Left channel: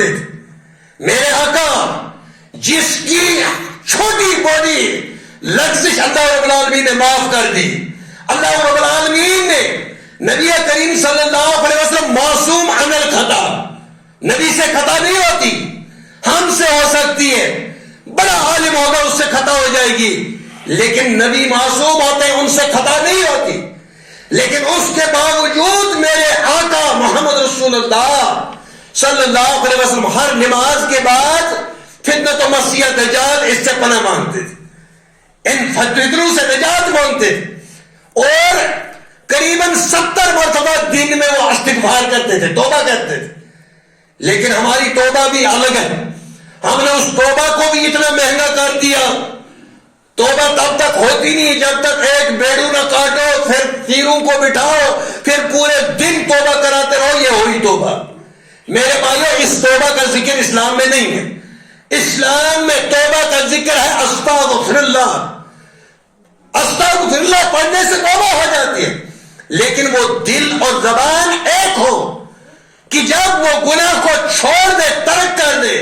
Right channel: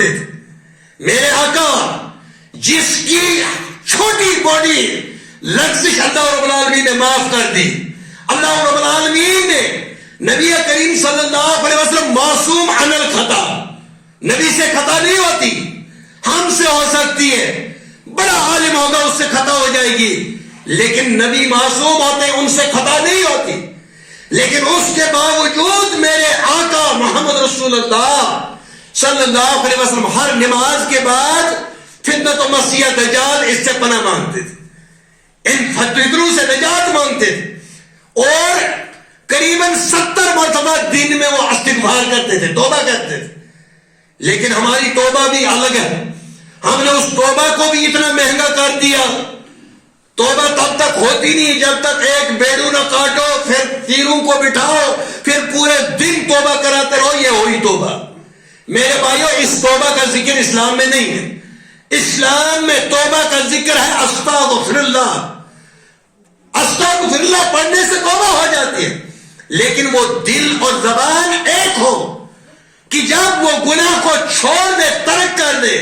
مانگتے تھے. میرے آقا جس کی چھوٹی بڑی لغزش اللہ رب العالمین نے معاف کر دی. اللہ رب العالمین نے نبی کریم صلی اللہ علیہ وسلم معصوم عن الخطا، نبی سے خطا نہیں ہوتی، ہم سے ہو سکتی ہے، بڑا عالم ہوگا اس سے خطا ہو جائے گی، لیکن نبی معصوم ہوتے ہیں، ان سے خطا نہیں ہوتی. لیکن اس کے باوجود میرے آقا محمد رسول اللہ صلی اللہ علیہ وسلم ہر نماز کے بعد فتنۃ و مسیح دجال اس سے پناہ مانگتے تھے، ان فتنوں سے نجات مانگتے تھے، اور قریباً 70 مرتبہ دن میں وہ استغفار کرتے تھے، توبہ کرتے تھے. لیکن ہماری توبہ بھی الگ ہے. ہم نے اس توبہ کو بھی اتنا مہنگا کر دیا. توبہ تب تک ہوتی نہیں جب تک ایک بیڑو نہ کاٹو، پھر تیروں کو بٹھاؤ، پھر پورے دن توبہ کراتے رہو، یہ ہوئی توبہ. میرے بھائیو اس توبہ کا ذکر اسلام میں نہیں ہے. اسلام میں توبہ کا ذکر ہے استغفر اللہ. استغفر اللہ پڑھنے سے توبہ ہو جاتی ہے، لیکن وہ دل اور زبان ایک ہو کہ جب وہ گناہ کو چھوڑ دے، ترک کر دے،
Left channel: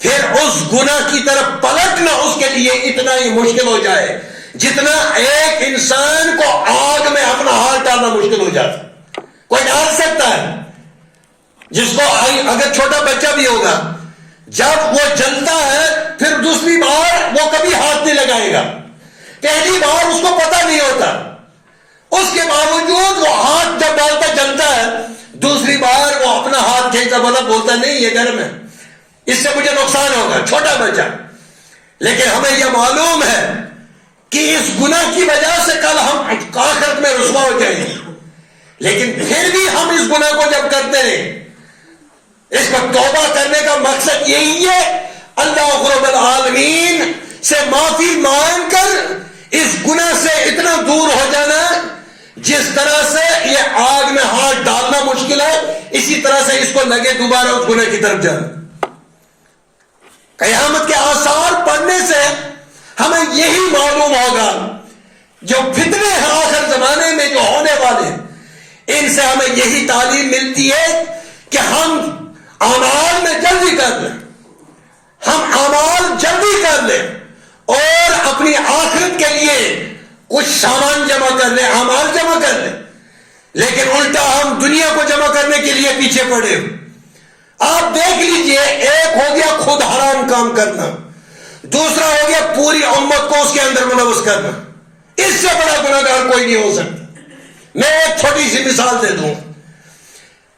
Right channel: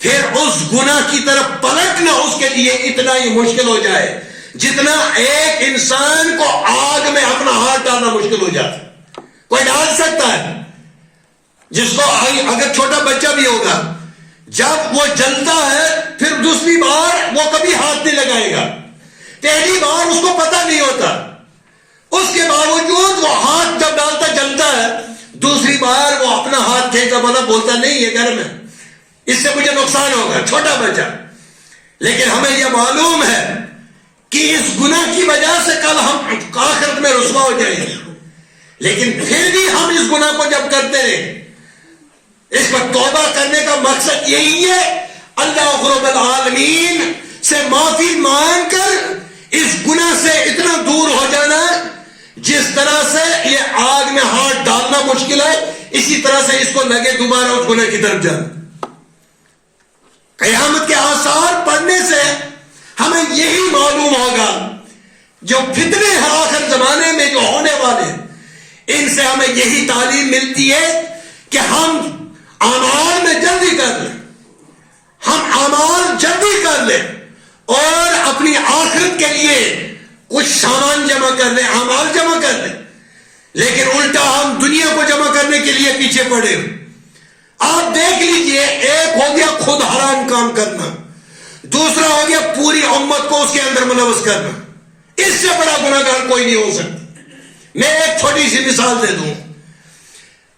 پھر اس گناہ کی طرف پلٹنا اس کے لیے اتنا ہی مشکل ہو جائے جتنا ایک انسان کو آگ میں اپنا ہاتھ ڈالنا مشکل ہو جاتا. کوئی ڈال سکتا ہے جس کو اگر چھوٹا بچہ بھی ہوگا، جب وہ جلتا ہے پھر دوسری بار وہ کبھی ہاتھ نہیں لگائے گا. پہلی بار اس کو پتہ نہیں ہوتا، اس کے باوجود وہ ہاتھ جب ڈالتا جلتا ہے، دوسری بار وہ اپنا ہاتھ کھینچا بولتا نہیں یہ گرم ہے، اس سے مجھے نقصان ہوگا، چھوٹا بچہ. لیکن ہمیں یہ معلوم ہے کہ اس گناہ کی وجہ سے کل ہم آخرت میں رسوا ہو جائیں گے. لیکن پھر بھی ہم اس گناہ کو جب کرتے ہیں، اس پر توبہ کرنے کا مقصد یہی ہے اللہ رب العالمین سے معافی مانگ کر اس گناہ سے اتنا دور ہو جانا. جس طرح سے یہ آگ میں ہاتھ ڈالنا مشکل ہے، اسی طرح سے اس کو لگے دوبارہ اس گناہ کی طرف جانا. قیامت کے آثار پڑھنے سے ہمیں یہی معلوم ہوگا جو فتنے ہیں آخر زمانے میں جو ہونے والے، ان سے ہمیں یہی تعلیم ملتی ہے کہ ہم اعمال میں جلدی کر لیں، ہم اعمال جلدی کر لیں اور اپنی آخرت کے لیے کچھ سامان جمع کر لیں، اعمال جمع کر لیں. لیکن الٹا ہم دنیا کو جمع کرنے کے لیے پیچھے پڑے. آپ دیکھ لیجئے، ایک ہو گیا خود حرام کام کرنا، دوسرا ہو گیا پوری امت کو اس کے اندر ملوث کرنا. اس سے بڑا گناہگار کوئی نہیں ہو سکتا. میں ایک چھوٹی سی مثال دے دوں.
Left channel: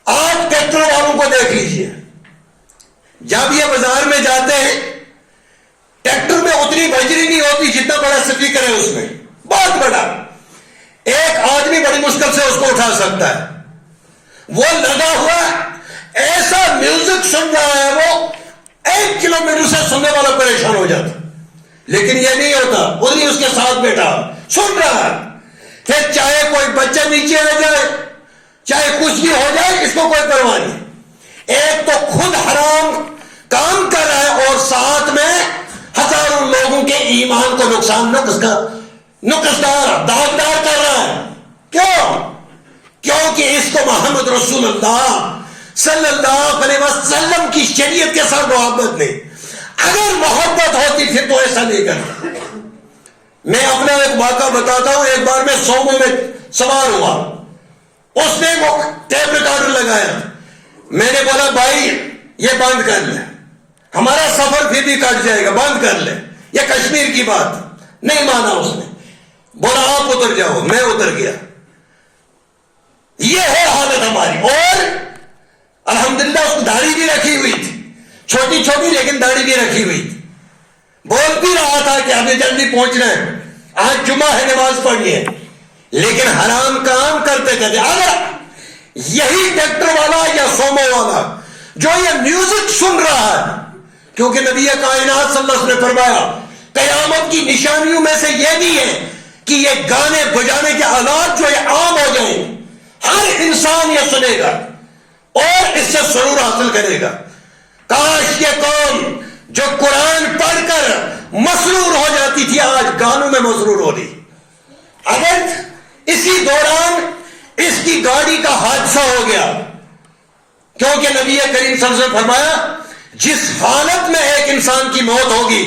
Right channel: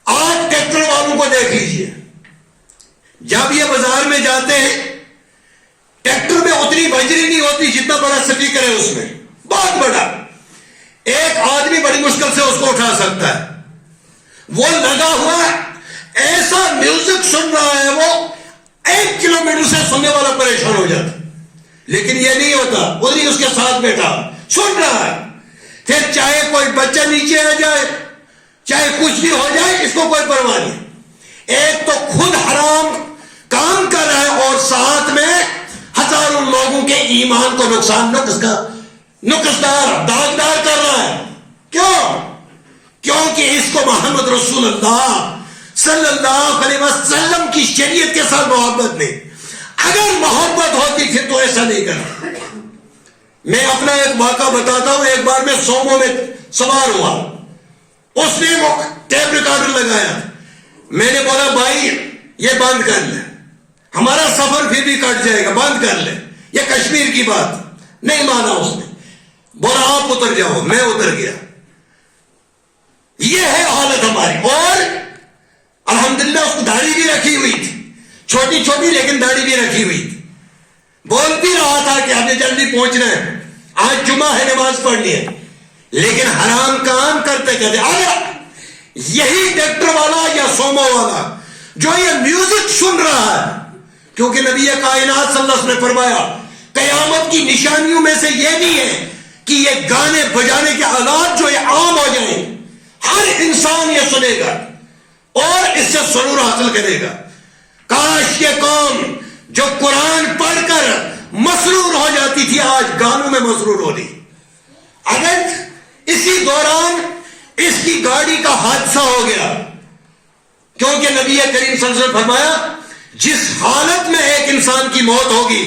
آپ ٹریکٹر والوں کو دیکھ لیجئے، جب یہ بازار میں جاتے ہیں، ٹریکٹر میں اتنی بجری نہیں ہوتی جتنا بڑا سپیکر ہے اس میں، بہت بڑا. ایک آدمی بڑی مشکل سے اس کو اٹھا سکتا ہے. وہ لگا ہوا ایسا میوزک سن رہا ہے، وہ 1 کلومیٹر سے سننے والا پریشان ہو جاتا. لیکن یہ نہیں ہوتا، ادھر اس کے ساتھ بیٹھا سن رہا ہے. پھر چاہے کوئی بچہ نیچے آ جائے، چاہے کچھ بھی ہو جائے، اس کو کوئی پرواہ نہیں. ایک تو خود حرام کام کر رہا ہے اور ساتھ میں ہزاروں لوگوں کے ایمان کو نقصان نقصدار داغدار کر رہا ہے. کیوں؟ کیونکہ اس کو محمد رسول اللہ صلی اللہ علیہ وسلم کی شریعت کے ساتھ محبت نہیں. اگر محبت ہوتی پھر تو ایسا نہیں کرتا. میں اپنا ایک واقعہ بتاتا ہوں. ایک بار میں سومو میں سوار ہوا، اس نے وہ ٹیپ ریکارڈر لگایا. میں نے بولا بھائی یہ بند کر لے، ہمارا سفر پھر بھی کٹ جائے گا، بند کر لے، یہ کشمیر کی بات. نہیں مانا اس نے، بولا آپ اتر جاؤ. میں اتر گیا. یہ ہے حالت ہماری. اور الحمدللہ اس کو داڑھی بھی رکھی ہوئی تھی، چھوٹی چھوٹی لیکن داڑھی بھی رکھی ہوئی تھی. بول بھی رہا تھا کہ ہمیں جلدی پہنچنا ہے، آج جمعہ ہے، نماز پڑھنی ہے. لیکن حرام کام کرتے کرتے اگر یہی ٹریکٹر والا یا سومو والا جو یہ میوزک سن رہا ہے، کیونکہ نبی کائنات صلی اللہ علیہ وسلم نے فرمایا قیامت کی نشانیوں میں سے یہ بھی ہے کہ یہ گانے بجانے کے آلات جو یہ عام ہو جائیں، ہر انسان یہ سنے گا اور اس سے سرور حاصل کرے گا. کاش یہ قوم جو قرآن پڑھ کر مسرور ہو جاتی تھی آج گانوں میں مسرور ہو رہی. اگر اسی دوران اس کی گاڑی کا حادثہ ہو گیا، کیونکہ نبی کریم صلی اللہ علیہ وسلم فرمایا جس حالت میں ایک انسان کی موت ہوگی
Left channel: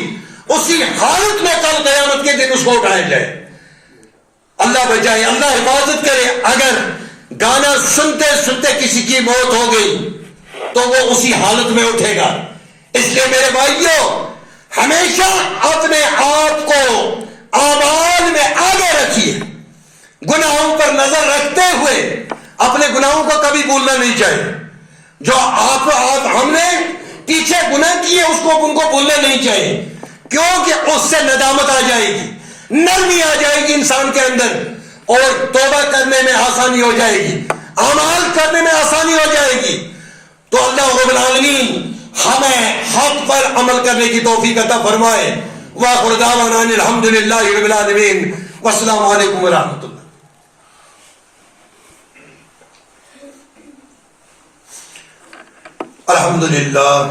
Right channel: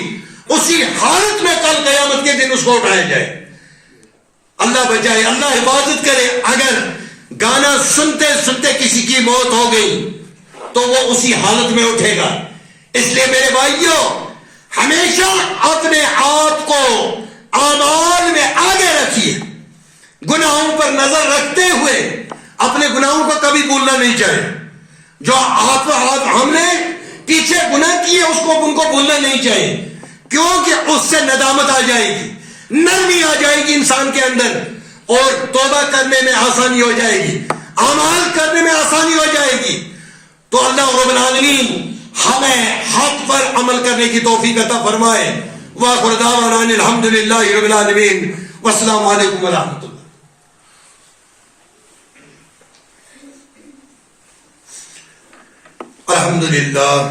اسی حالت میں کل قیامت کے دن اس کو اٹھایا جائے. اللہ بچائے, اللہ حفاظت کرے. اگر گانا سنتے سنتے کسی کی موت ہو گئی تو وہ اسی حالت میں اٹھے گا. اس لیے میرے بھائیوں, ہمیشہ اپنے آپ کو اعمال میں آگے رکھیے, گناہوں پر نظر رکھتے ہوئے اپنے گناہوں کو کبھی بھولنا نہیں چاہیے. جو ہم نے پیچھے گناہ کیے اس کو ان کو بھولنا نہیں چاہیے, کیونکہ اس سے ندامت آ جائے گی, نرمی آ جائے گی انسان کے اندر, اور توبہ کرنے میں آسانی ہو جائے گی, اعمال کرنے میں آسانی ہو جائے گی. تو اللہ رب العالمین ہمیں حق پر عمل کرنے کی توفیق عطا فرمائے. وآخر دعوانا ان الحمدللہ رب العالمین, والسلام علیکم ورحمۃ اللہ. الحمدللہ.